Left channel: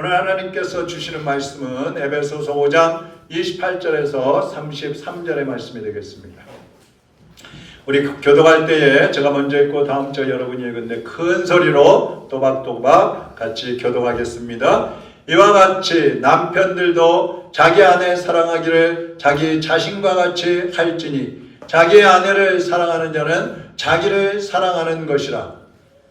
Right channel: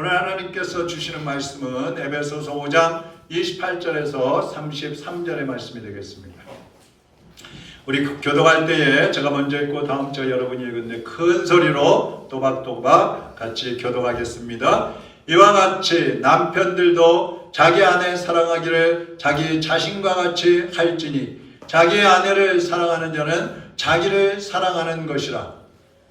오늘 하나님께서 주시는 말씀은 에베소서 5장 28절에서 33절의 말씀이 되겠습니다. 우리 교도할 때에 제가 먼저 읽고 다음 절 여러분이 읽는데 큰 소리로 또박또박 같이 교도하겠습니다. 이와 같이 남편들도 자기 아내 사랑하기를 자기 자신과 같이 할지니 자기 아내를 사랑하는 자는 자기를 사랑하는 것이라.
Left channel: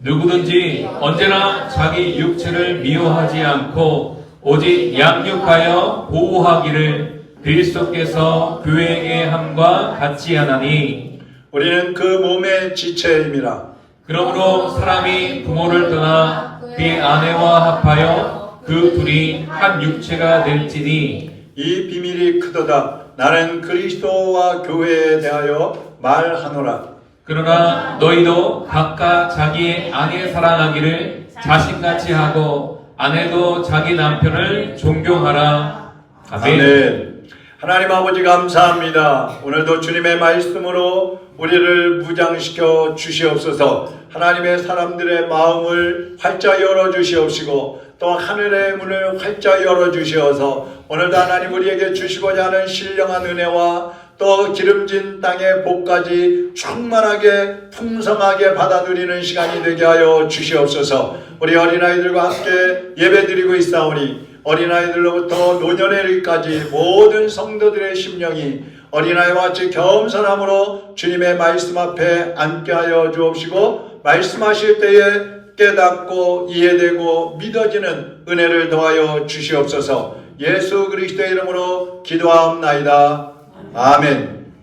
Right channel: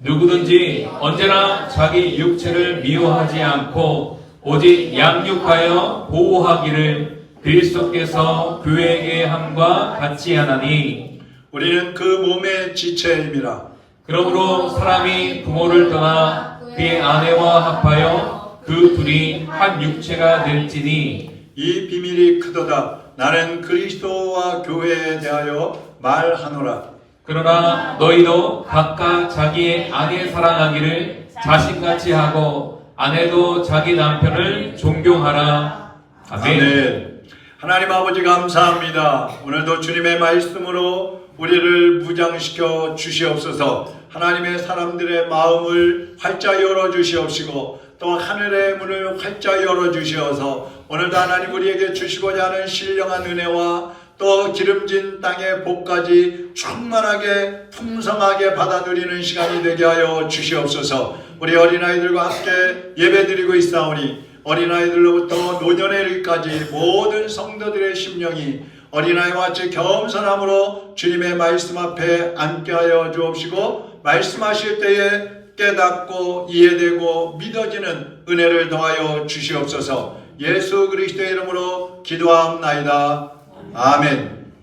누구든지 언제나 자기 육체를 미워하지 않고 오직 양육하여 보호하기를 그리스도께서 교회에게 함과 같이 하나니 우리는 그 몸의 지체임이라. 그러므로 사람이 부모를 떠나 그의 아내와 합하여 그 둘이 한 육체가 될지니 이 비밀이 크도다. 나는 그리스도와 교회에 대하여 말하노라. 그러나 너희도 각각 자기의 아내 사랑하기를 자신같이 하고 아내도 자기 남편을 존경하라. 아멘. 아멘. 하나님 아버지 감사합니다. 오늘도 주님의 말씀으로 우리를 무장시켜 주시옵소서. 하나님의 사람들의 마음을 활짝 열어 주시옵시고 또 하늘의 문을 활짝 열어 주시어서 오늘도 하나님 우리에게 주시고자 하는 신령한 은혜와 또 기름진 땅의 복까지 충만하게 풍성하게 받아 누리는 시간이 되게 하여 주시옵소서. 우리 어린아이들과 함께 예배드리고 있사오니 어린아이들로부터 노년에 이르기까지 모든 성도들의 심령이 어린아이와 같이 겸손함으로 주님의 말씀 앞에 앉게 하여 주옵시고 말씀하실 때에 깨닫고 이해되고 믿어지는 은혜를 더하여 주시옵소서. 예수 그리스도의 이름으로 기도하옵나이다. 아멘.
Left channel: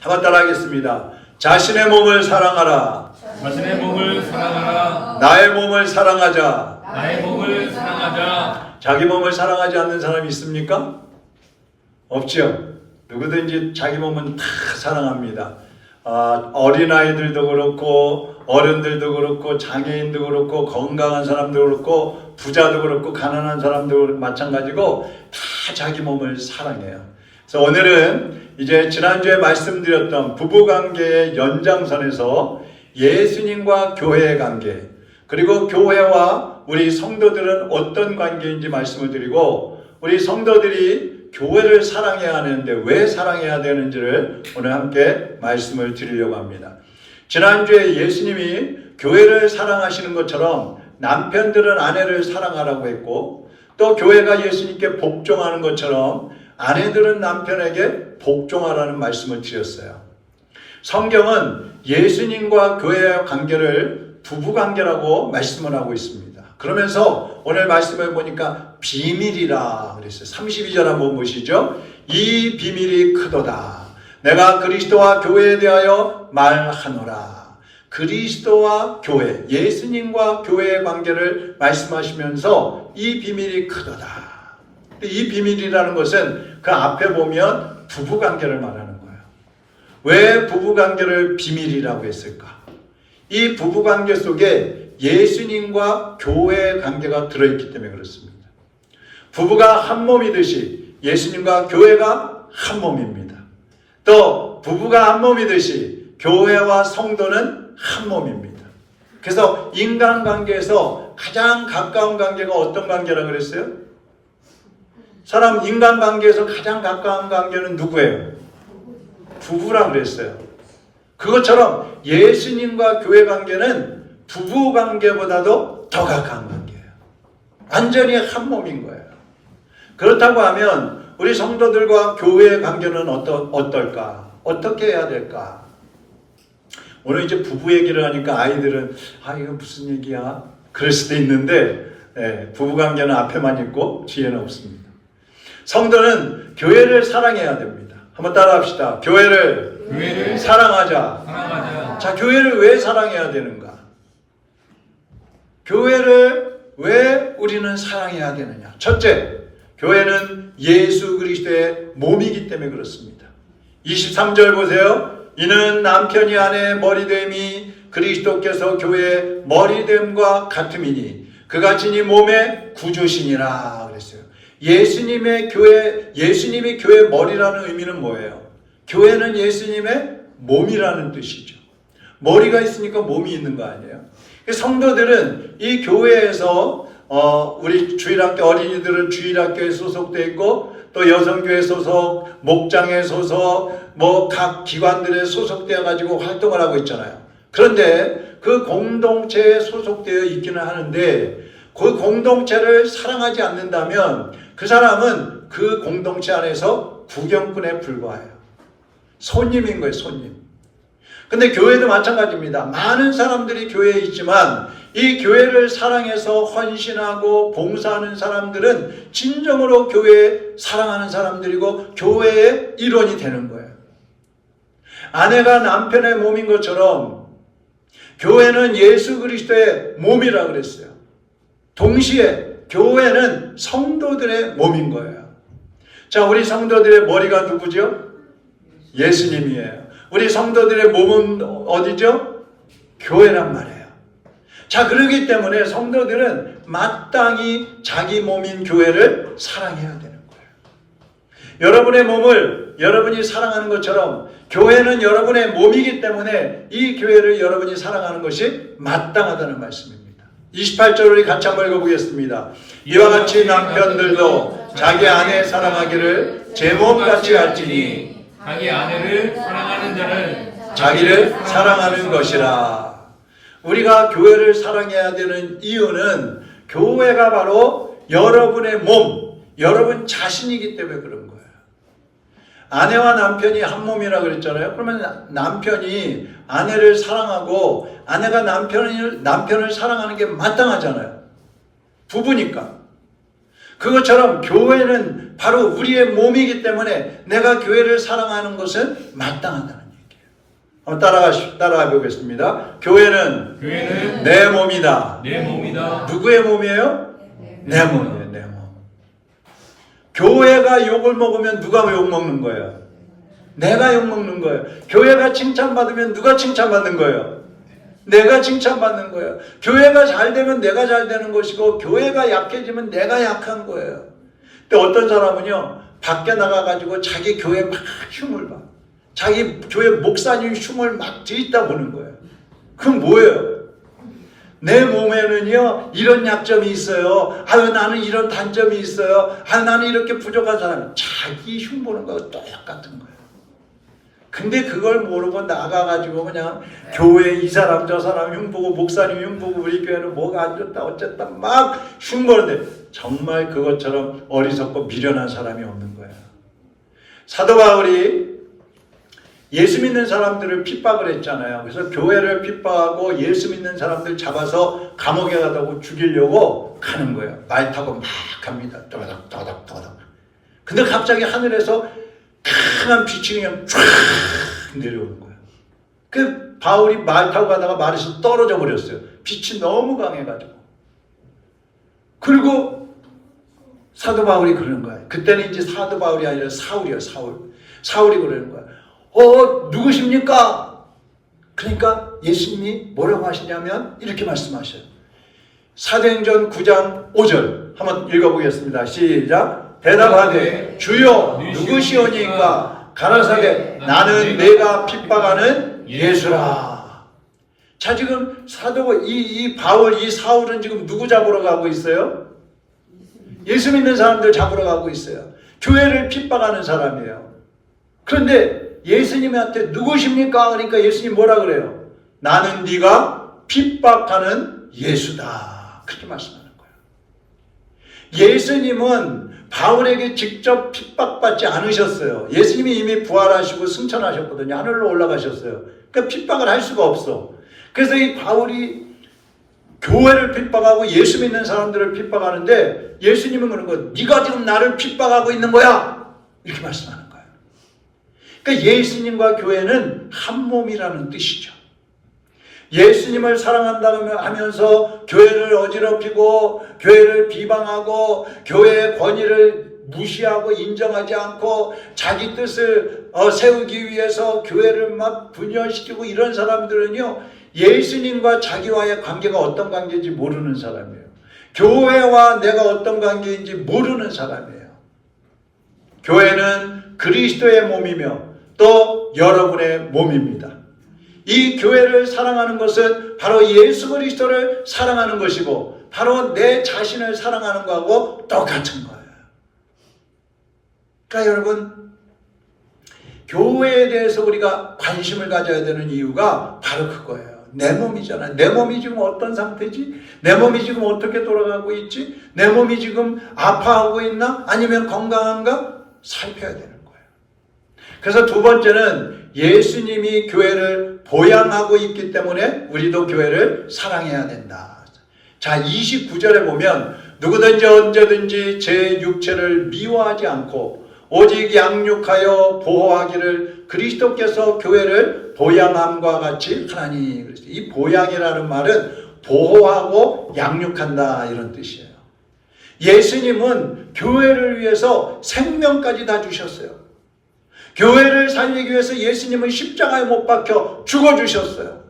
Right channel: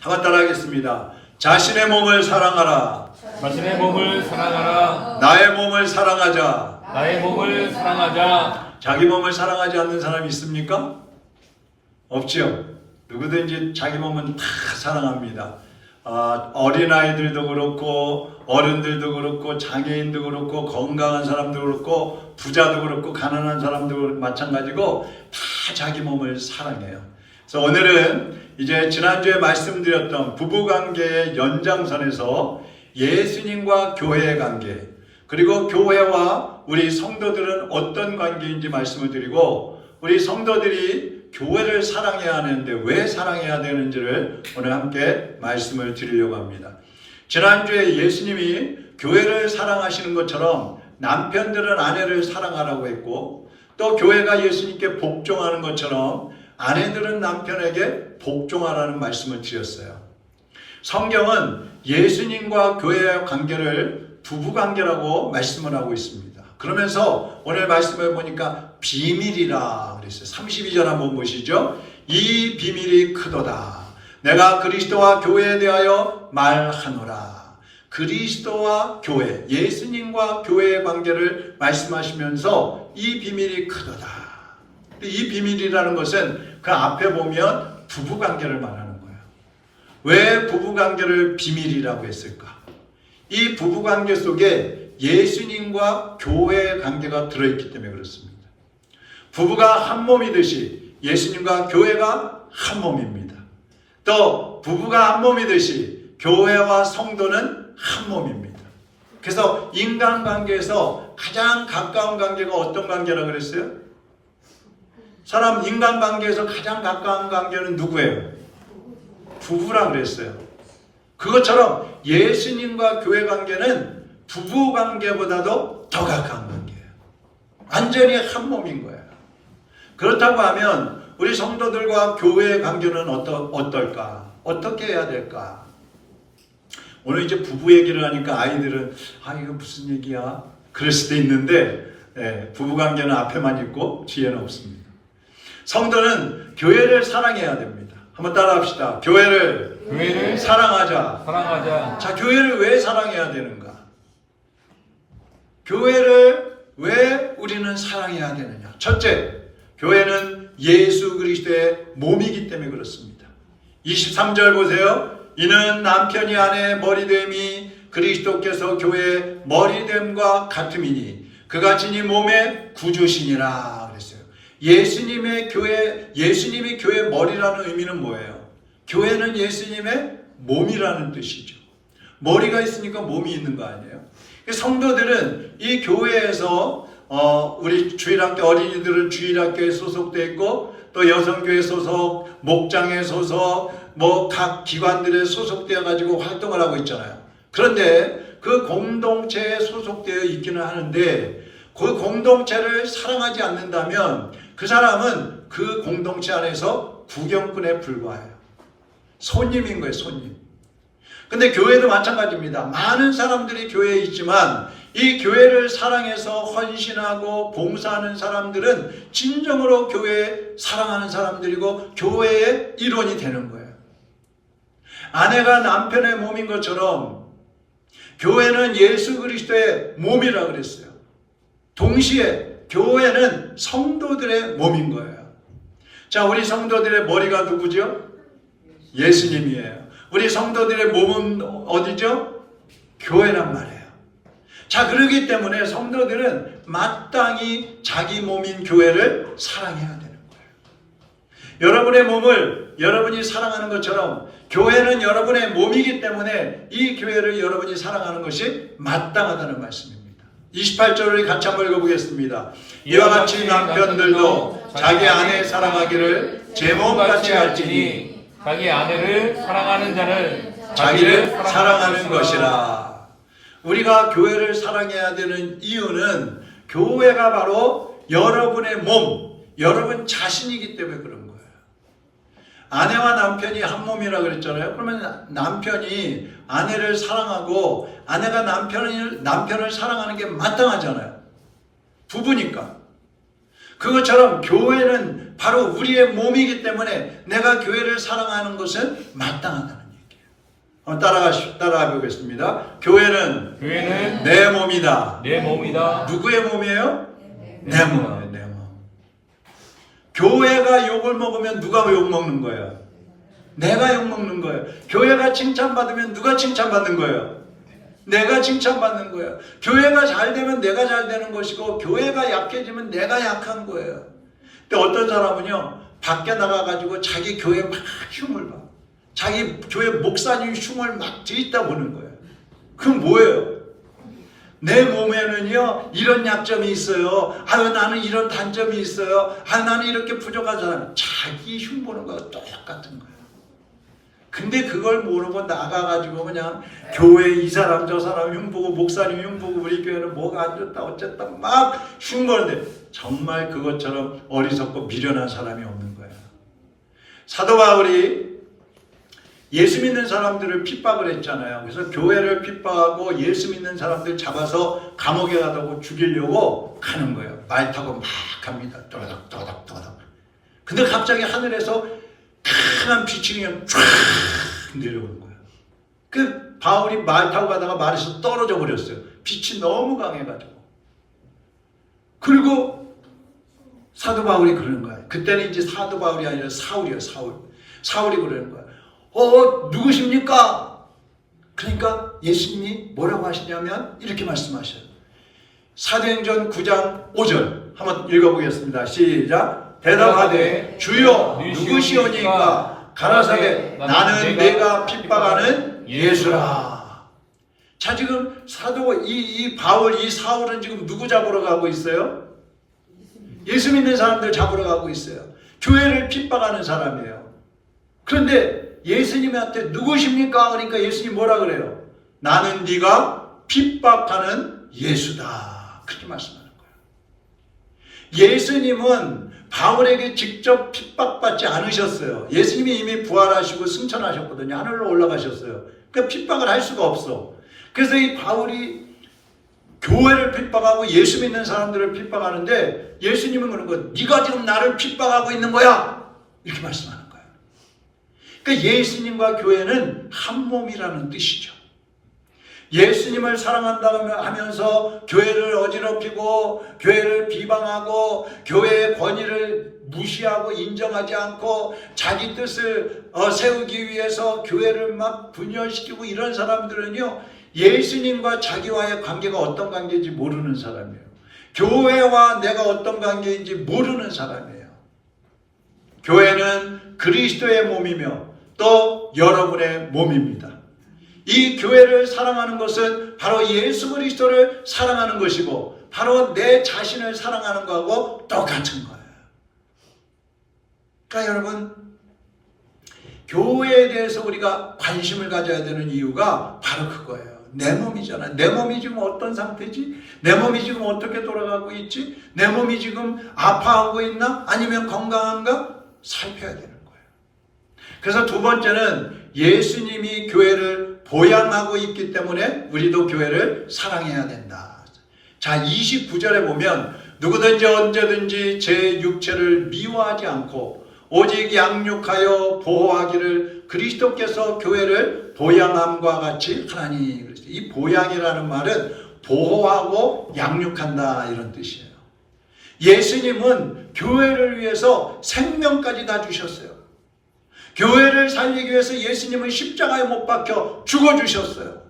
한번 따라하겠습니다. 자신의 몸을 사랑하라. 자신의 몸을 사랑하라. 나의 몸을 사랑하자. 나의 몸을 사랑하자. 자기 몸을 사랑하지 않는 사람이 있습니까? 없죠. 누구든지 자기 몸은 다 사랑합니다. 어린아이들도 그렇고 어른들도 그렇고 장애인도 그렇고 건강한 사람도 그렇고 부자도 그렇고 가난한 사람도 마찬가지고 다 자기 몸을 사랑해요. 그래서 오늘은 이제 지난주에 말씀드렸던 부부관계의 연장선에서 예수님과 교회의 관계 그리고 교회와 우리 성도들은 어떤 관계인지 말씀을 드리고 우리 성도들이 교회를 사랑해야 하는데 왜 사랑해야 되는지를 오늘 함께 말씀을 드리려고 합니다. 지난주에 예수님이 교회를 사랑하시는 것처럼 남편들은 아내를 사랑하라고 했고 또 교회가 예수님께 복종하는 것처럼 아내들은 남편에게 복종하라는 말씀을 드렸어요. 성경은 예수님과 교회의 관계를 부부관계라고 말씀을 하고 있습니다. 그러면서 오늘 말씀을 보니까 비밀이라 그랬어요. 32절 한번 보시죠. 이 비밀이 크도다. 내가 그리스도와 교회에 대하여 말하노라. 그리스도와 교회, 예수님과 교회의 관계를 말씀하시면서 이 비밀이 크도다. 이 비밀이라는 것은 그 앞에 보면 부부관계를 말하는 거예요. 왜 부부관계를 비밀이라고 했을까? 이 부부관계 속에 예수님과 교회의 관계가 들어있기 때문에 그렇습니다. 부부가 한 몸이듯이 예수님과 교회가 한 몸입니다. 또 부부가 한 몸이듯이 교회와 성도는 한 몸입니다. 그래서 인간관계에서 가장 가까운 관계가 어떤 관계라고 그랬어요? 사람 인간관계에서 가장 가까운 관계는 누구예요? 부부라 그랬어요. 그것처럼 예수님과 교회 관계는 부부 관계보다도 더 가까운 관계예요. 완전히 한 몸인 거예요. 그렇다고 하면 우리 성도들과 교회의 관계는 어떨까? 어떻게 해야 될까? 오늘 이제 부부 얘기를 하니까 아이들은 이거 무슨 얘기야? 그럴 수도 있는데 부부 관계는 앞에만 있고 뒤에는 없습니다. 성도는 교회를 사랑해야 됩니다. 한번 따라합시다. 교회를 사랑하자. 자, 교회를 왜 사랑해야 되는가? 교회를 왜 우리는 사랑해야 되느냐? 첫째, 교회는 예수 그리스도의 몸이기 때문에 그렇습니다. 23절 보세요. 이는 남편이 아내의 머리됨이 그리스도께서 교회의 머리됨과 같음이니 그가 지니 몸의 구주시니라 그랬어요. 예수님이 교회의 머리라는 의미는 뭐예요? 교회는 예수님의 몸이라는 뜻이죠. 머리가 있으니까 몸이 있는 거 아니에요? 성도들은 이 교회에서 우리 주일학교 어린이들은 주일학교에 소속돼 있고 또 여성교회 소속, 목장에 소속, 뭐 각 기관들에 소속되어 가지고 활동을 하고 있잖아요. 그런데 그 공동체에 소속되어 있기는 하는데 그 공동체를 사랑하지 않는다면 그 사람은 그 공동체 안에서 구경꾼에 불과해요. 손님인 거예요, 손님. 근데 교회도 마찬가지입니다. 많은 사람들이 교회에 있지만 이 교회를 사랑해서 헌신하고 봉사하는 사람들은 진정으로 교회에 사랑하는 사람들이고 교회의 일원이 되는 거예요. 아내가 남편의 몸인 것처럼 교회는 예수 그리스도의 몸이라고 그랬어요. 동시에 교회는 성도들의 몸인 거예요. 자, 우리 성도들의 머리가 누구죠? 예수님이에요. 우리 성도들의 몸은 어디죠? 교회란 말이에요. 자, 그렇기 때문에 성도들은 마땅히 자기 몸인 교회를 사랑해야 되는 거예요. 여러분의 몸을 여러분이 사랑하는 것처럼 교회는 여러분의 몸이기 때문에 이 교회를 여러분이 사랑하는 것이 마땅하다는 말씀입니다. 28절 우리 같이 한번 읽어보겠습니다. 이와 같이 남편들도 자기 아내 사랑하기를 제 몸같이 할지니 자기 아내를 사랑하는 자는 자기를 사랑하는 것이라. 우리가 교회를 사랑해야 되는 이유는 교회가 바로 여러분의 몸, 여러분 자신이기 때문에 그런 거예요. 아내와 남편이 한 몸이라 그랬잖아요. 그러면 남편이 아내를 사랑하고 아내가 남편을 사랑하는 게 마땅하잖아요. 부부니까. 그것처럼 교회는 바로 우리의 몸이기 때문에 내가 교회를 사랑하는 것은 마땅하다는 얘기예요. 따라가 보겠습니다. 교회는 내 몸이다. 내 몸이다. 누구의 몸이에요? 내 몸이에요. 내 몸. 교회가 욕을 먹으면 누가 욕 먹는 거예요? 내가 욕 먹는 거예요. 교회가 칭찬받으면 누가 칭찬받는 거예요? 내가 칭찬받는 거예요. 교회가 잘 되면 내가 잘 되는 것이고 교회가 약해지면 내가 약한 거예요. 근데 어떤 사람은요, 밖에 나가가지고 자기 교회 막 흉을 봐. 자기 교회 목사님 흉을 막 들이다 보는 거예요. 그럼 뭐예요? 내 몸에는요 이런 약점이 있어요. 아유 나는 이런 단점이 있어요. 아 나는 이렇게 부족한 사람. 자기 흉 보는 거가 똑같은 거예요. 근데 그걸 모르고 나가가지고 그냥 교회 이 사람 저 사람 흉보고 목사님 흉보고 우리 교회는 뭐가 안 좋다 어쨌다 막 흉보는데 정말 그것처럼 어리석고 미련한 사람이 없는 거예요. 사도 바울이 예수 믿는 사람들을 핍박을 했잖아요. 그래서 교회를 핍박하고 예수 믿는 사람들 잡아서 감옥에 가다고 죽이려고 가는 거예요. 말 타고 막 갑니다. 또닥또닥또닥. 근데 갑자기 하늘에서 강한 빛이 그냥 쫙 내려오는 거예요. 그 바울이 말 타고 가다가 말에서 떨어져 버렸어요. 빛이 너무 강해가지고. 그리고 사도 바울이 그러는 거예요. 그때는 이제 사도 바울이 아니라 사울이에요. 사울이 그러는 거예요. 누구십니까? 그러니까 예수님이 뭐라고 하시냐면 이렇게 말씀하셔요. 사도행전 9장 5절 한번 읽어보겠습니다. 시작. 대답하되 주여 누구시오니까? 가라사대 나는 내가 핍박하는 예수라. 자, 지금 사도 이 바울 이 사울은 지금 누구 잡으러 가고 있어요? 예수 믿는 사람들 잡으러 가고 있어요. 교회를 핍박하는 사람이에요. 그런데 예수님한테 누구십니까? 그러니까 예수님 뭐라 그래요? 나는 네가 핍박하는 예수다. 그렇게 말씀하는 거예요. 예수님은 바울에게 직접 핍박받지 않으셨어요. 예수님이 이미 부활하시고 승천하셨거든요. 하늘로 올라가셨어요. 그러니까 핍박을 할 수가 없어. 그래서 이 바울이 교회를 핍박하고 예수 믿는 사람들을 핍박하는데 예수님은 그런 거예요. 네가 지금 나를 핍박하고 있는 거야. 이렇게 말씀하는 거예요. 그러니까 예수님과 교회는 한 몸이라는 뜻이죠. 예수님을 사랑한다고 하면서 교회를 어지럽히고 교회를 비방하고 교회의 권위를 무시하고 인정하지 않고 자기 뜻을 세우기 위해서 교회를 막 분열시키고 이런 사람들은요, 예수님과 자기와의 관계가 어떤 관계인지 모르는 사람이에요. 교회와 내가 어떤 관계인지 모르는 사람이에요. 교회는 그리스도의 몸이며 또 여러분의 몸입니다. 이 교회를 사랑하는 것은 바로 예수 그리스도를 사랑하는 것이고 바로 내 자신을 사랑하는 거하고 똑같은 거예요. 그러니까 여러분, 교회에 대해서 우리가 관심을 가져야 되는 이유가 바로 그거예요. 내 몸이잖아요. 내 몸이 지금 어떤 상태지? 내 몸이 지금 어떻게 돌아가고 있지? 내 몸이 지금 아파하고 있나? 아니면 건강한가? 살펴야 되는 거예요. 그래서 두 번째는 예수님이 교회를 보양하고 있기 때문에 우리도 교회를 사랑해야 된다. 자, 29절에 보면 누구든지 언제든지 제 육체를 미워하지 않고 오직 양육하여 보호하기를 그리스도께서 교회를 보양함과 같이 하나니. 이 보양이라는 말은 보호하고 양육한다 이런 뜻이에요. 예수님은 교회를 위해서 생명까지 다 주셨어요. 교회를 살리기 위해서 예수님은 십자가에 못 박혀 죽어주셨어요.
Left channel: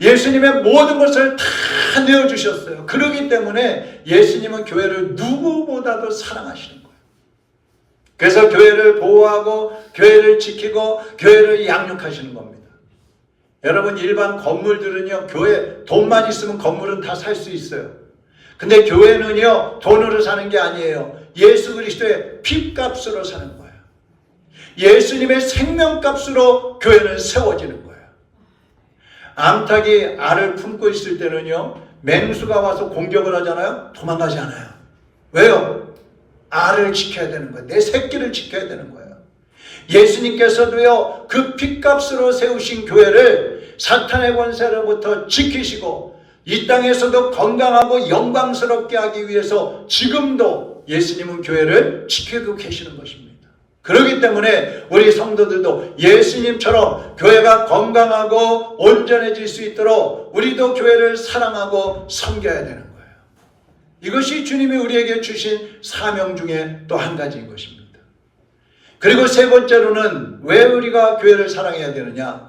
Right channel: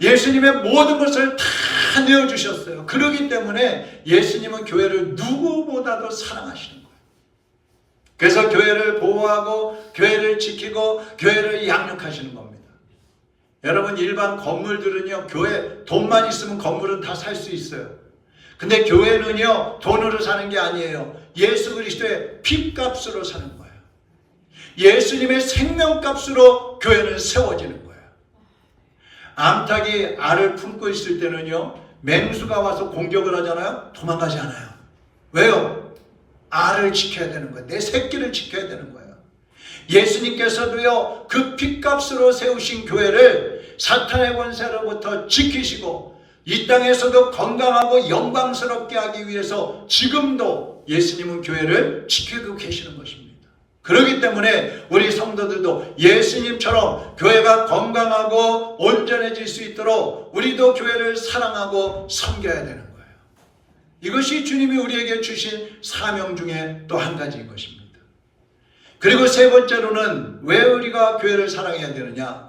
예수님의 모든 것을 다 내어주셨어요. 그렇기 때문에 예수님은 교회를 누구보다도 사랑하시는 거예요. 그래서 교회를 보호하고 교회를 지키고 교회를 양육하시는 겁니다. 여러분, 일반 건물들은요, 교회 돈만 있으면 건물은 다 살 수 있어요. 근데 교회는요, 돈으로 사는 게 아니에요. 예수 그리스도의 피값으로 사는 거예요. 예수님의 생명값으로 교회는 세워지는 거예요. 암탉이 알을 품고 있을 때는요, 맹수가 와서 공격을 하잖아요. 도망가지 않아요. 왜요? 알을 지켜야 되는 거예요. 내 새끼를 지켜야 되는 거예요. 예수님께서도요, 그 피값으로 세우신 교회를 사탄의 권세로부터 지키시고 이 땅에서도 건강하고 영광스럽게 하기 위해서 지금도 예수님은 교회를 지키고 계시는 것입니다. 그렇기 때문에 우리 성도들도 예수님처럼 교회가 건강하고 온전해질 수 있도록 우리도 교회를 사랑하고 섬겨야 되는 거예요. 이것이 주님이 우리에게 주신 사명 중에 또 한 가지인 것입니다. 그리고 세 번째로는 왜 우리가 교회를 사랑해야 되느냐?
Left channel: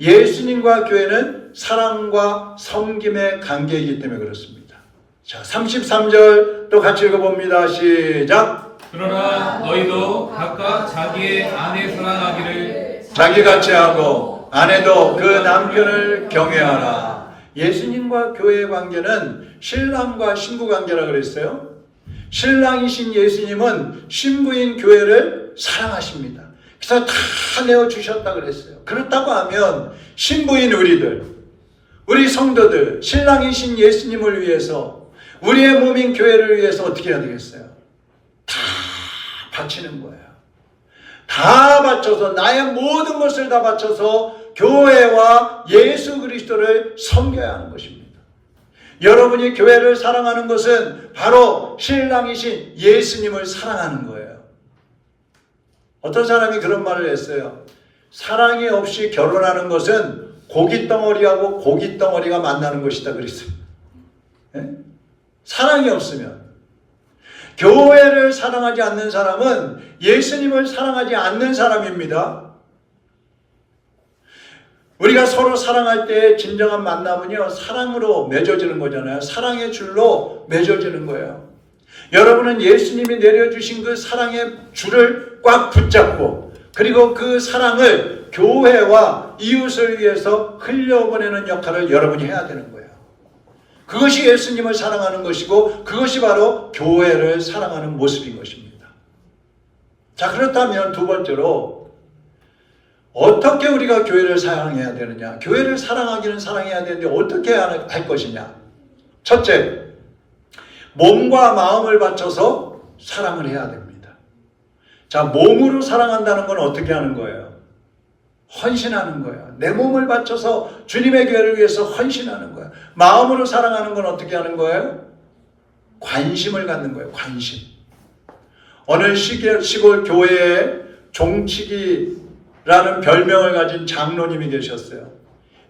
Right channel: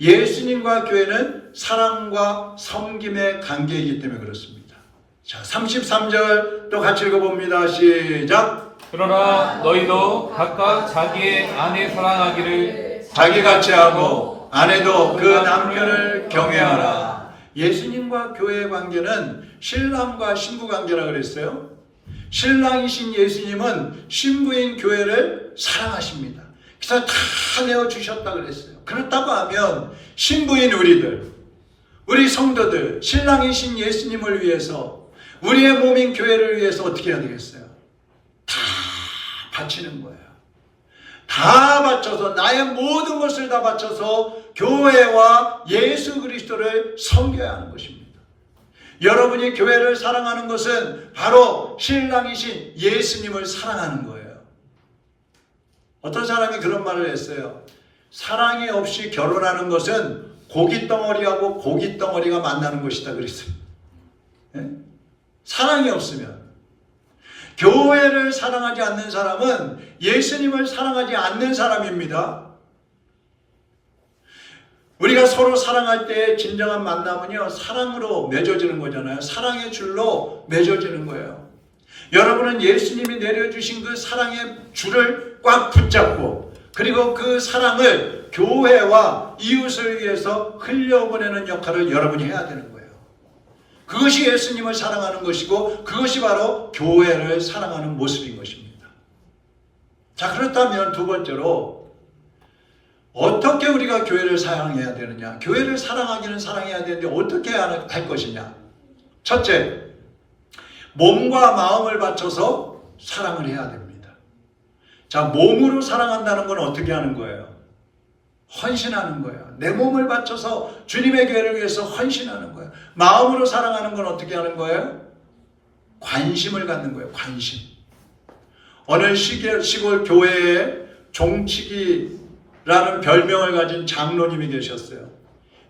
예수님과 교회는 사랑과 섬김의 관계이기 때문에 그렇습니다. 자, 33절 또 같이 읽어봅니다. 시작. 그러나 너희도 각각 자기의 아내 사랑하기를 자기같이 하고 아내도 그 남편을 경외하라. 예수님과 교회의 관계는 신랑과 신부 관계라 그랬어요. 신랑이신 예수님은 신부인 교회를 사랑하십니다. 그래서 다 내어주셨다 그랬어요. 그렇다고 하면 신부인 우리들, 우리 성도들, 신랑이신 예수님을 위해서, 우리의 몸인 교회를 위해서 어떻게 해야 되겠어요? 다 바치는 거예요. 다 바쳐서, 나의 모든 것을 다 바쳐서 교회와 예수 그리스도를 섬겨야 하는 것입니다. 여러분이 교회를 사랑하는 것은 바로 신랑이신 예수님을 사랑하는 거예요. 어떤 사람이 그런 말을 했어요. 사랑이 없이 결혼하는 것은 고깃덩어리하고 고깃덩어리가 만나는 것이다 그랬어요. 네? 사랑이 없으면. 교회를 사랑하지 않는 사람은 예수님을 사랑하지 않는 사람입니다. 우리가 서로 사랑할 때 진정한 만남은요, 사랑으로 맺어지는 거잖아요. 사랑의 줄로 맺어지는 거예요. 여러분은 예수님이 내려주신 그 사랑의 줄을 꽉 붙잡고, 그리고 그 사랑을 교회와 이웃을 위해서 흘려보내는 역할을 여러분이 해야 되는 거예요. 그것이 예수님을 사랑하는 것이고, 그것이 바로 교회를 사랑하는 모습인 것입니다. 자, 그렇다면 두 번째로 어떻게 우리가 교회를 사랑해야 되느냐? 교회를 사랑하기는 사랑해야 되는데 어떻게 할 것이냐? 첫째, 몸과 마음을 바쳐서 사랑을 해야 됩니다. 자, 몸으로 사랑한다는 건 어떻게 하는 거예요? 헌신하는 거예요. 내 몸을 바쳐서 주님의 교회를 위해서 헌신하는 거예요. 마음으로 사랑하는 건 어떻게 하는 거예요? 관심을 갖는 거예요. 관심. 어느 시골 교회에 종치기라는 별명을 가진 장로님이 계셨어요.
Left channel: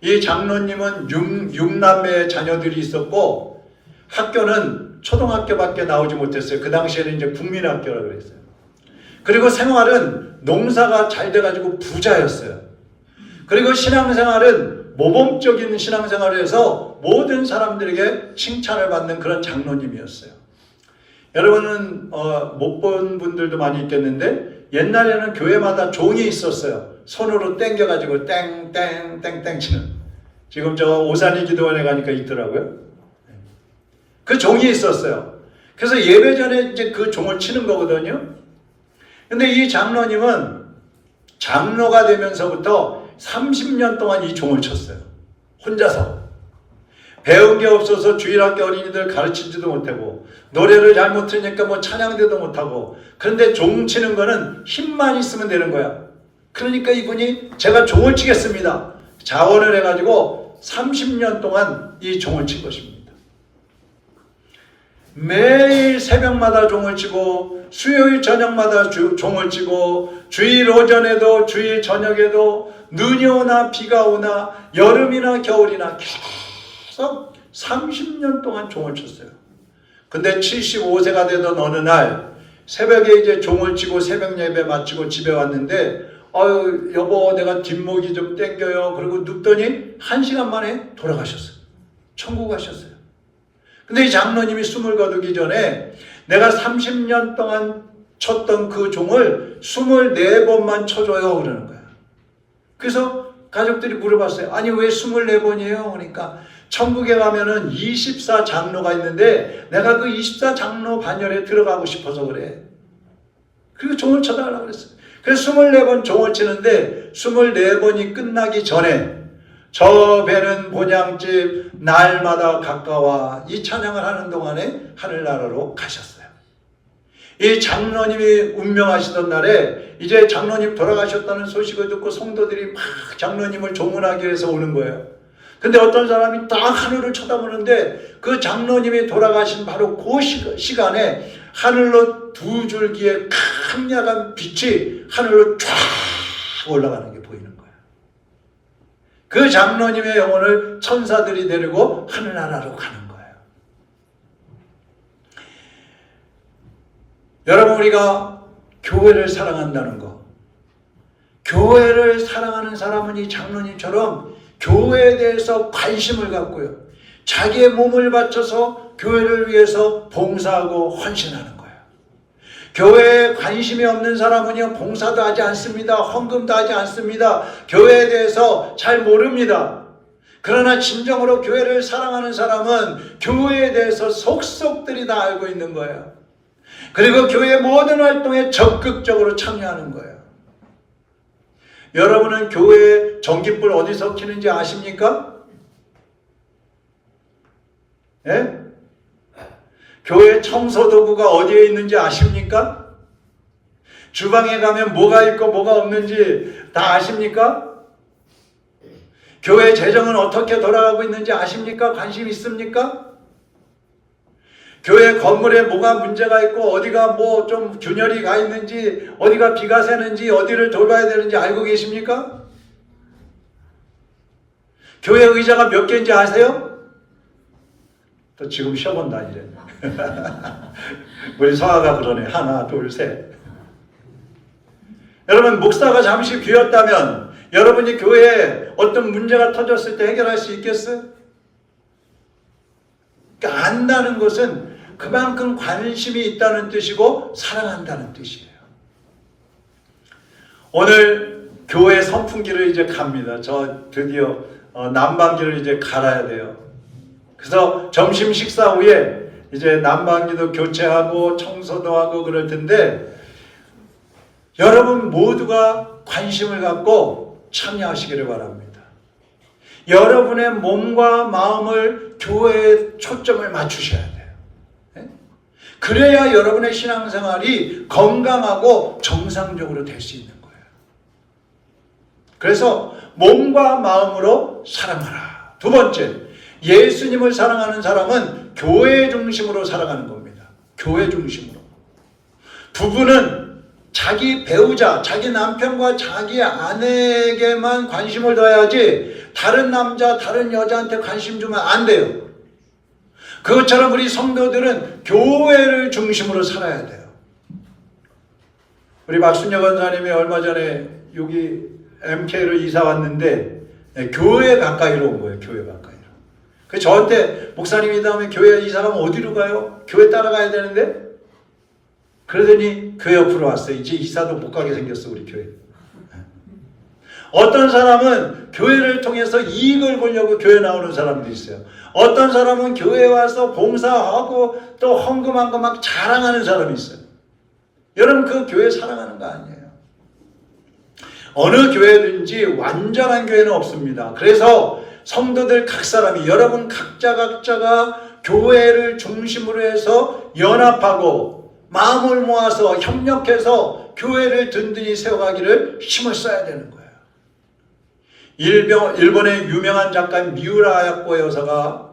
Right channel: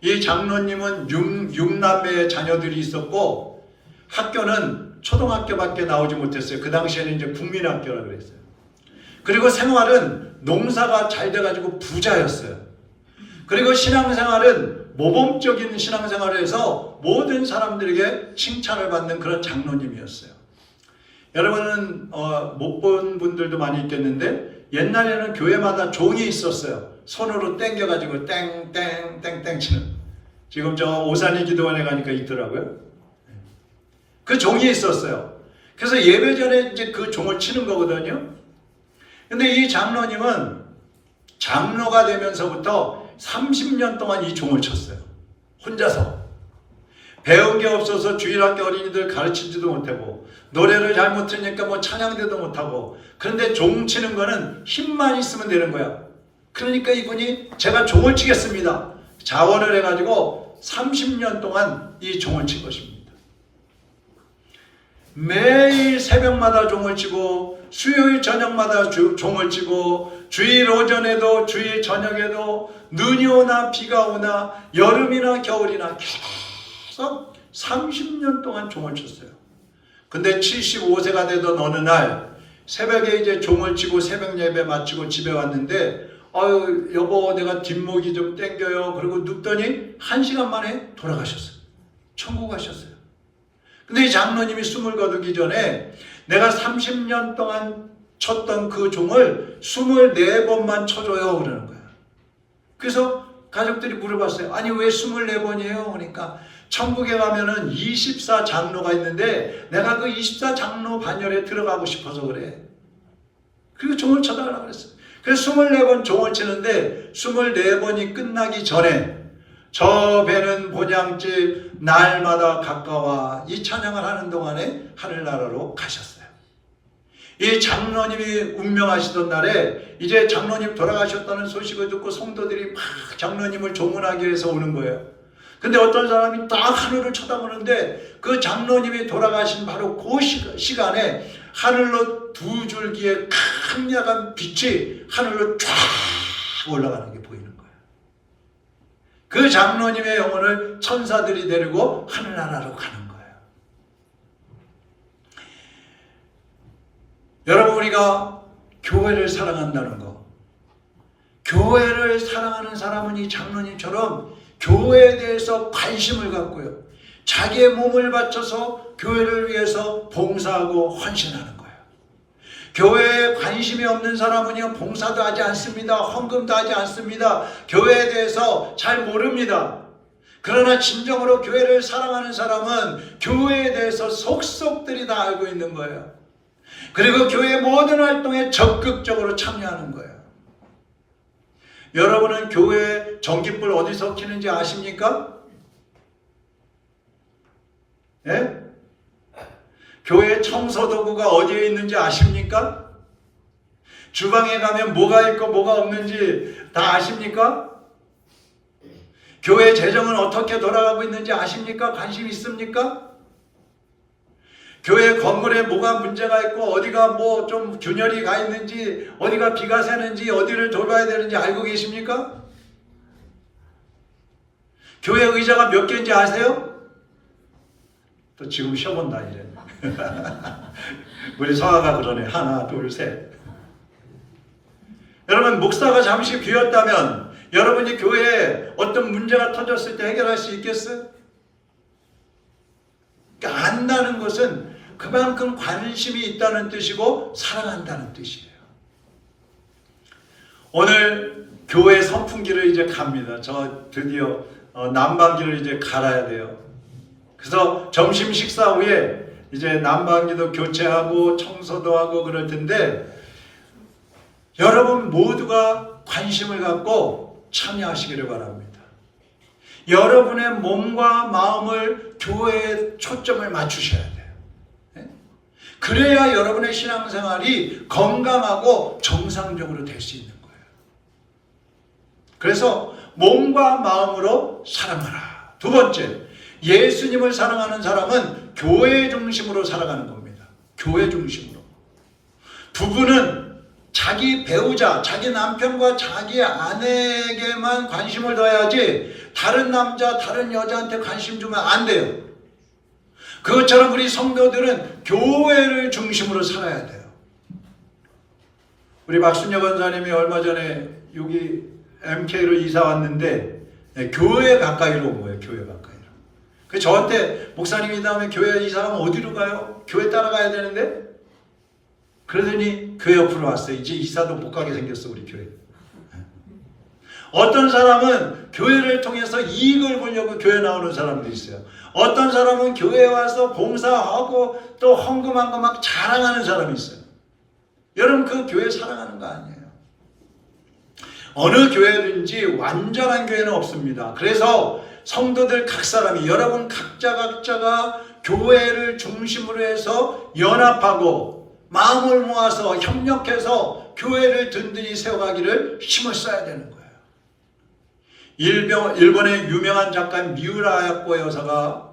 이 장로님은 6남매의 자녀들이 있었고 학교는 초등학교밖에 나오지 못했어요. 그 당시에는 이제 국민학교라고 그랬어요. 그리고 생활은 농사가 잘 돼가지고 부자였어요. 그리고 신앙생활은 모범적인 신앙생활을 해서 모든 사람들에게 칭찬을 받는 그런 장로님이었어요. 여러분은 못 본 분들도 많이 있겠는데 옛날에는 교회마다 종이 있었어요. 손으로 땡겨가지고 땡땡땡땡 치는. 지금 저 오산리 기도원에 가니까 있더라고요. 그 종이 있었어요. 그래서 예배 전에 이제 그 종을 치는 거거든요. 근데 이 장로님은 장로가 되면서부터 30년 동안 이 종을 쳤어요. 혼자서. 배운 게 없어서 주일학교 어린이들 가르치지도 못하고, 노래를 잘못 들으니까 뭐 찬양대도 못하고, 그런데 종 치는 거는 힘만 있으면 되는 거야. 그러니까 이분이 제가 종을 치겠습니다. 자원을 해가지고 30년 동안 이 종을 친 것입니다. 매일 새벽마다 종을 치고, 수요일 저녁마다 종을 치고, 주일 오전에도 주일 저녁에도 눈이 오나 비가 오나 여름이나 겨울이나 계속 30년 동안 종을 쳤어요. 근데 75세가 되던 어느 날 새벽에 이제 종을 치고 새벽 예배 마치고 집에 왔는데, 아유 여보 내가 뒷목이 좀 땡겨요. 그리고 눕더니 1시간 만에 돌아가셨어요. 천국 가셨어요. 근데 이 장로님이 숨을 거두기 전에 내가 30년 동안 쳤던 그 종을 24번만 쳐줘요 그러는 거야. 그래서 가족들이 물어봤어요. 아니 왜 24번이에요? 그러니까 천국에 가면은 24장로가 있는데 내가 그 24장로 반열에 들어가고 싶어서 그래. 그리고 종을 쳐달라고 그랬어요. 그래서 24번 종을 치는데 24번이 끝나기 전에 저 배는 본향집 날마다 가까워 이 찬양을 하는 동안에 하늘나라로 가셨어요. 이 장로님이 운명하시던 날에 이제 장로님 돌아가셨다는 소식을 듣고 성도들이 막 장로님을 조문하기 위해서 오는 거예요. 근데 어떤 사람이 딱 하늘을 쳐다보는데 그 장로님이 돌아가신 바로 그 시간에 하늘로 두 줄기의 강렬한 빛이 하늘로 쫙 올라가는 게 보이는 거예요. 그 장로님의 영혼을 천사들이 데리고 하늘나라로 가는 거예요. 여러분 우리가 교회를 사랑한다는 거, 교회를 사랑하는 사람은 이 장로님처럼 교회에 대해서 관심을 갖고요, 자기의 몸을 바쳐서 교회를 위해서 봉사하고 헌신하는 거예요. 교회에 관심이 없는 사람은요 봉사도 하지 않습니다. 헌금도 하지 않습니다. 교회에 대해서 잘 모릅니다. 그러나 진정으로 교회를 사랑하는 사람은 교회에 대해서 속속들이 다 알고 있는 거예요. 그리고 교회 모든 활동에 적극적으로 참여하는 거예요. 여러분은 교회 전깃불 어디서 켜는지 아십니까? 예? 교회 청소도구가 어디에 있는지 아십니까? 주방에 가면 뭐가 있고 뭐가 없는지 다 아십니까? 교회 재정은 어떻게 돌아가고 있는지 아십니까? 관심 있습니까? 교회 건물에 뭐가 문제가 있고 어디가 뭐 좀 균열이 가 있는지, 어디가 비가 새는지, 어디를 돌봐야 되는지 알고 계십니까? 교회 의자가 몇 개인지 아세요? 또 지금 쉬어본다 이제. 우리 성아가 그러네. 하나 둘 셋. 여러분 목사가 잠시 비었다면 여러분이 교회에 어떤 문제가 터졌을 때 해결할 수 있겠어요? 그러니까 안다는 것은 그만큼 관심이 있다는 뜻이고 사랑한다는 뜻이에요. 오늘 교회 선풍기를 이제 갑니다. 저 드디어 난방기를 이제 갈아야 돼요. 그래서 점심 식사 후에 이제 난방기도 교체하고 청소도 하고 그럴 텐데 여러분 모두가 관심을 갖고 참여하시기를 바랍니다. 여러분의 몸과 마음을 교회에 초점을 맞추셔야 돼요. 그래야 여러분의 신앙생활이 건강하고 정상적으로 될 수 있는 거예요. 그래서 몸과 마음으로 사랑하라. 두 번째, 예수님을 사랑하는 사람은 교회 중심으로 살아가는 겁니다. 교회 중심으로. 부부는 자기 배우자, 자기 남편과 자기 아내에게만 관심을 둬야지 다른 남자, 다른 여자한테 관심 주면 안 돼요. 그것처럼 우리 성도들은 교회를 중심으로 살아야 돼요. 우리 박순여 권사님이 얼마 전에 여기 MK로 이사 왔는데 교회 가까이로 온 거예요. 교회 가까이로. 그래서 저한테 목사님이 다음에 교회 이사 가면 어디로 가요? 교회 따라가야 되는데? 그러더니 교회 옆으로 왔어요. 이제 이사도 못 가게 생겼어 우리 교회. 어떤 사람은 교회를 통해서 이익을 보려고 교회 나오는 사람도 있어요. 어떤 사람은 교회에 와서 봉사하고 또 헌금한 거 막 자랑하는 사람이 있어요. 여러분 그 교회 사랑하는 거 아니에요. 어느 교회든지 완전한 교회는 없습니다. 그래서 성도들 각 사람이 여러분 각자가 교회를 중심으로 해서 연합하고 마음을 모아서 협력해서 교회를 든든히 세워가기를 힘을 써야 되는 거예요. 일본의 유명한 작가인 미우라 야코 여사가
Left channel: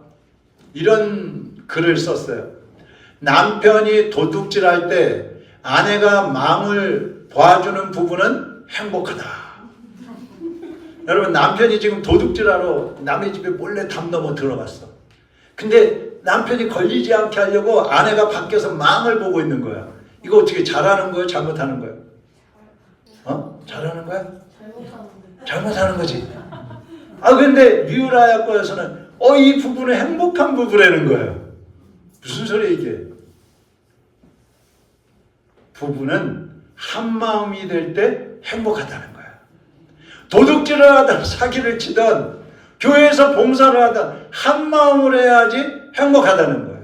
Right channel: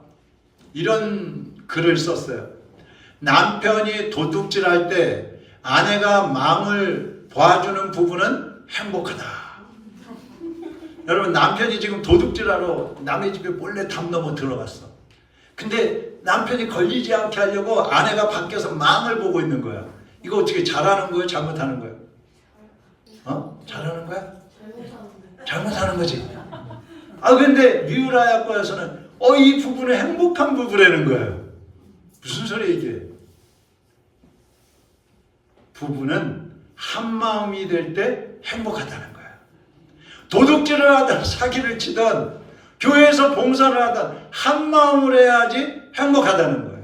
이런 글을 썼어요. 남편이 도둑질할 때 아내가 마음을 봐주는 부부는 행복하다. 여러분 남편이 지금 도둑질하러 남의 집에 몰래 담 넘어 들어갔어. 근데 남편이 걸리지 않게 하려고 아내가 밖에서 망을 보고 있는 거야. 이거 어떻게 잘하는 거예요? 잘못하는 거예요? 잘하는 거야? 잘못하는 거지. 근데 미우라야코에서는 이 부부는 행복한 부부라는 거예요. 무슨 소리야 이게? 부부는 한 마음이 될 때 행복하다는 거야. 도둑질을 하든 사기를 치든 교회에서 봉사를 하든 한 마음으로 해야지 행복하다는 거예요.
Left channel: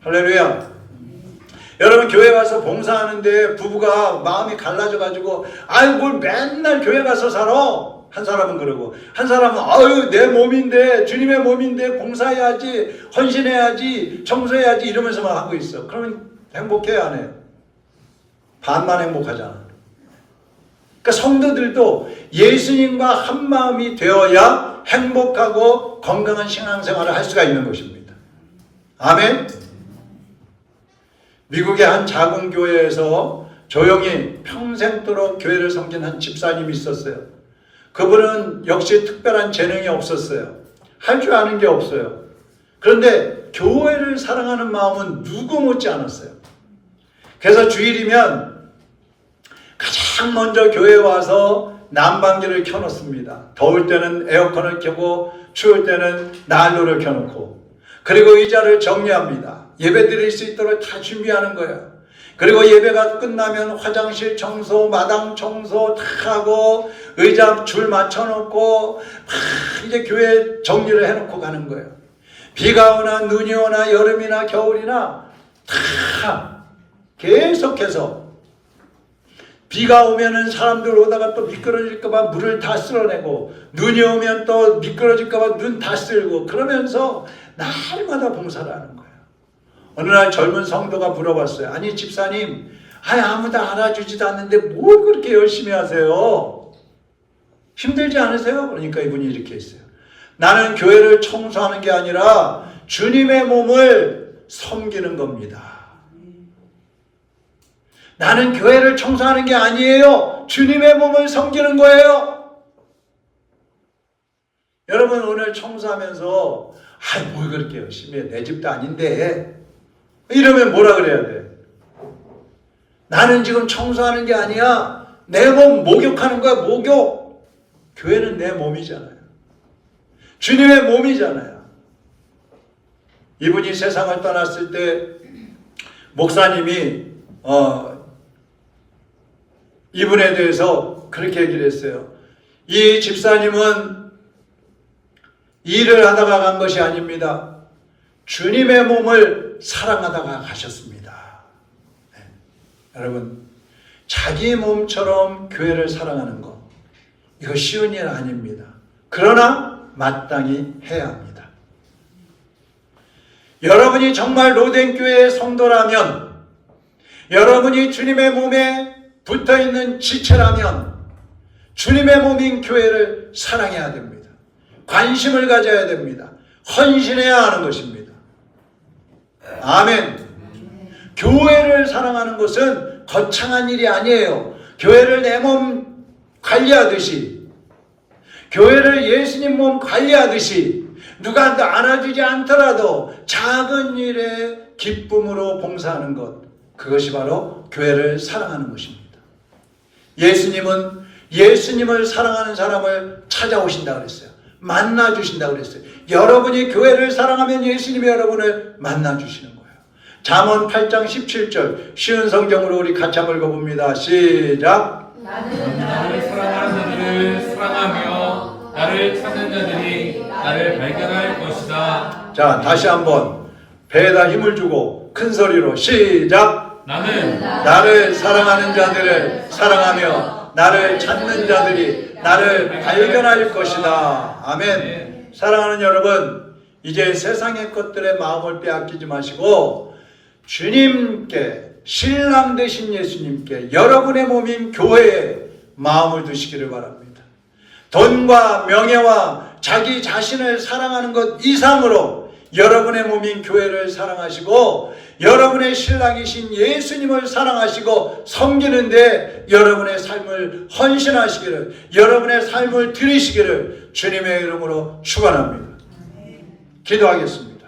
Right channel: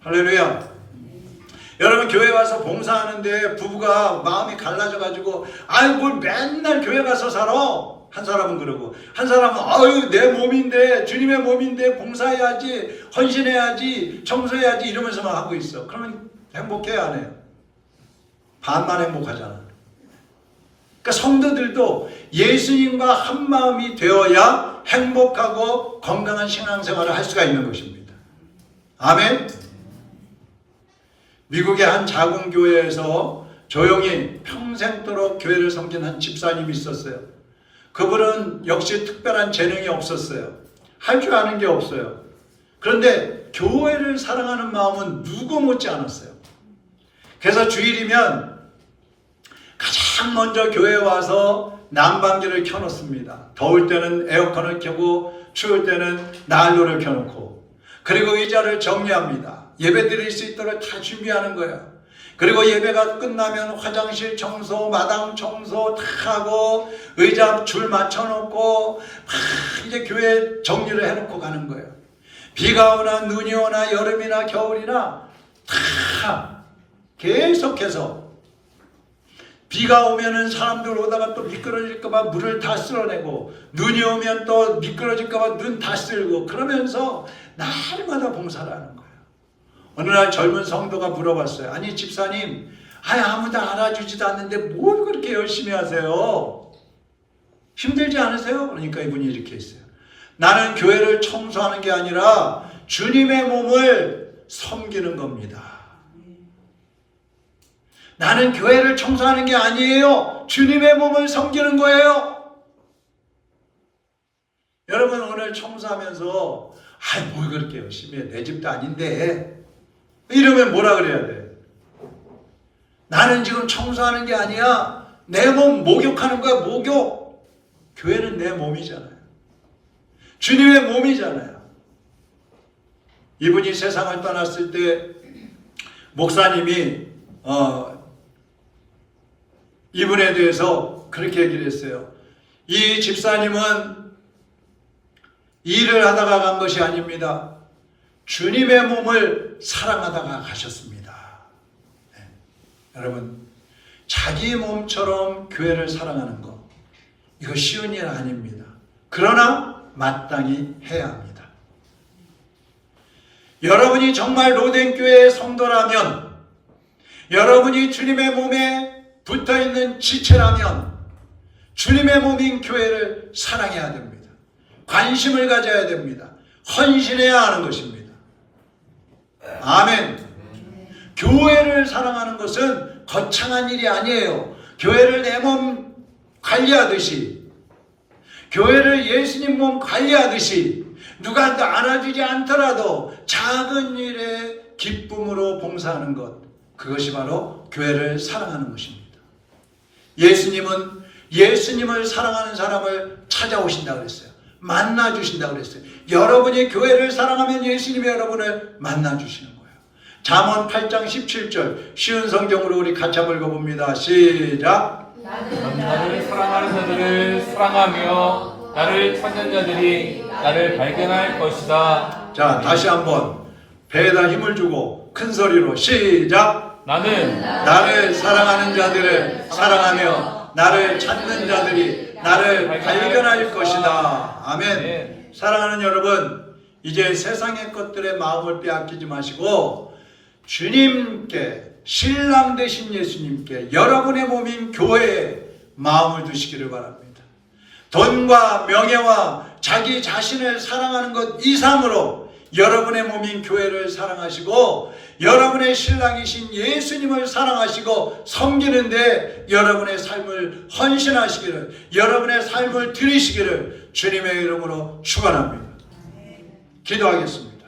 할렐루야. 여러분 교회 와서 봉사하는데 부부가 마음이 갈라져가지고 뭘 맨날 교회 가서 살아? 한 사람은 그러고 한 사람은 내 몸인데 주님의 몸인데 봉사해야지 헌신해야지 청소해야지 이러면서만 하고 있어. 그러면 행복해요 안 해요? 반만 행복하잖아. 그러니까 성도들도 예수님과 한 마음이 되어야 행복하고 건강한 신앙생활을 할 수가 있는 것입니다. 아멘. 미국의 한 작은 교회에서 조용히 평생도록 교회를 섬긴 한 집사님이 있었어요. 그분은 역시 특별한 재능이 없었어요. 할 줄 아는 게 없어요. 그런데 교회를 사랑하는 마음은 누구 못지 않았어요. 그래서 주일이면 가장 먼저 교회에 와서 난방기를 켜놓습니다. 더울 때는 에어컨을 켜고 추울 때는 난로를 켜놓고 그리고 의자를 정리합니다. 예배 드릴 수 있도록 다 준비하는 거예요. 그리고 예배가 끝나면 화장실 청소, 마당 청소 다 하고 의자 줄 맞춰놓고 이제 교회 정리를 해놓고 가는 거예요. 비가 오나 눈이 오나 여름이나 겨울이나 다 계속해서 비가 오면은 사람들 오다가 또 미끄러질까봐 물을 다 쓸어내고 눈이 오면 또 미끄러질까봐 눈 다 쓸고 그러면서 날마다 봉사를 하는 거예요. 어느 날 젊은 성도가 물어봤어요. 아니 집사님 아무도 알아주지도 않는데 뭘 그렇게 열심히 하세요? 힘들지 않으세요? 그러니까 이분이 이렇게 했어요. 나는 교회를 청소하는 게 아니라 주님의 몸을 섬기는 겁니다. 나는 교회를 청소하는 게 아니에요. 주님의 몸을 섬기는 거예요. 여러분 오늘 청소하면서 뭘 그렇게 열심히 해. 내 집도 아닌데 이러면 뭐라 그래야 돼? 나는 지금 청소하는 게 아니야. 내 몸 목욕하는 거야. 목욕. 교회는 내 몸이잖아요. 주님의 몸이잖아요. 이분이 세상을 떠났을 때 목사님이 이분에 대해서 그렇게 얘기를 했어요. 이 집사님은 일을 하다가 간 것이 아닙니다. 주님의 몸을 사랑하다가 가셨습니다. 네. 여러분 자기 몸처럼 교회를 사랑하는 것 이거 쉬운 일 아닙니다. 그러나 마땅히 해야 합니다. 여러분이 정말 로덴교회의 성도라면 여러분이 주님의 몸에 붙어있는 지체라면 주님의 몸인 교회를 사랑해야 됩니다. 관심을 가져야 됩니다. 헌신해야 하는 것입니다. 아멘. 교회를 사랑하는 것은 거창한 일이 아니에요. 교회를 내 몸 관리하듯이 교회를 예수님 몸 관리하듯이 누가 안아주지 않더라도 작은 일에 기쁨으로 봉사하는 것 그것이 바로 교회를 사랑하는 것입니다. 예수님은 예수님을 사랑하는 사람을 찾아오신다 그랬어요. 만나주신다 그랬어요. 여러분이 교회를 사랑하면 예수님이 여러분을 만나주시는 거예요. 잠언 8장 17절 쉬운 성경으로 우리 같이 한번 읽어봅니다. 시작. 나를 사랑하는 자들을 사랑하며 나를 찾는 자들이 나를 발견할 것이다. 자, 다시 한번 배에다 힘을 주고 큰 소리로 시작. 나는 나를 사랑하는 자들을 사랑하며 나를 찾는 자들이 나를 발견할 것이다. 아멘. 사랑하는 여러분, 이제 세상의 것들에 마음을 빼앗기지 마시고 주님께, 신랑 되신 예수님께, 여러분의 몸인 교회에 마음을 두시기를 바랍니다. 돈과 명예와 자기 자신을 사랑하는 것 이상으로 여러분의 몸인 교회를 사랑하시고 여러분의 신랑이신 예수님을 사랑하시고 섬기는데 여러분의 삶을 헌신하시기를, 여러분의 삶을 드리시기를 주님의 이름으로 축원합니다. 기도하겠습니다.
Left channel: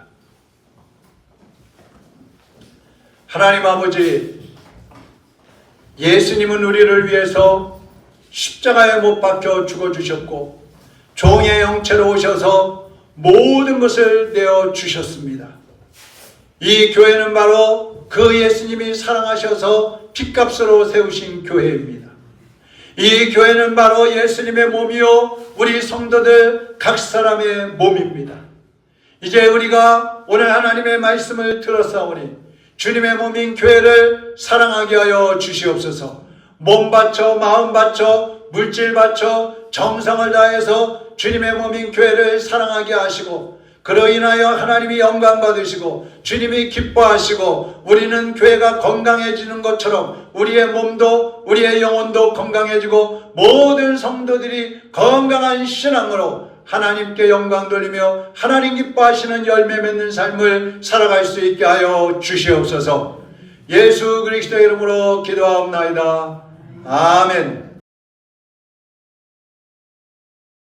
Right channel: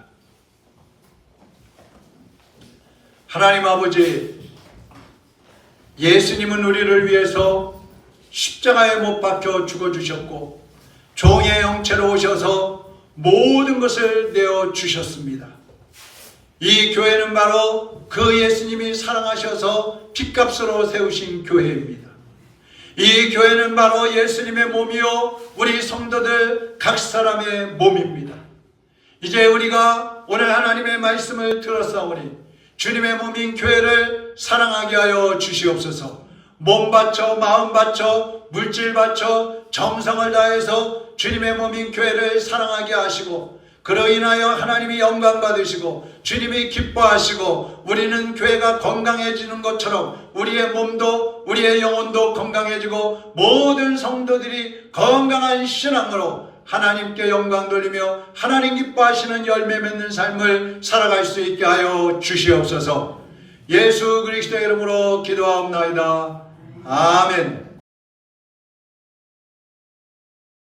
하나님 아버지, 예수님은 우리를 위해서 십자가에 못 박혀 죽어주셨고 종의 형체로 오셔서 모든 것을 내어주셨습니다. 이 교회는 바로 그 예수님이 사랑하셔서 핏값으로 세우신 교회입니다. 이 교회는 바로 예수님의 몸이요 우리 성도들 각 사람의 몸입니다. 이제 우리가 오늘 하나님의 말씀을 들었사오니 주님의 몸인 교회를 사랑하게 하여 주시옵소서. 몸 바쳐, 마음 바쳐, 물질 바쳐, 정성을 다해서 주님의 몸인 교회를 사랑하게 하시고 그로 인하여 하나님이 영광 받으시고 주님이 기뻐하시고 우리는 교회가 건강해지는 것처럼 우리의 몸도 우리의 영혼도 건강해지고 모든 성도들이 건강한 신앙으로 하나님께 영광 돌리며 하나님 기뻐하시는 열매 맺는 삶을 살아갈 수 있게 하여 주시옵소서. 예수 그리스도의 이름으로 기도하옵나이다. 아멘.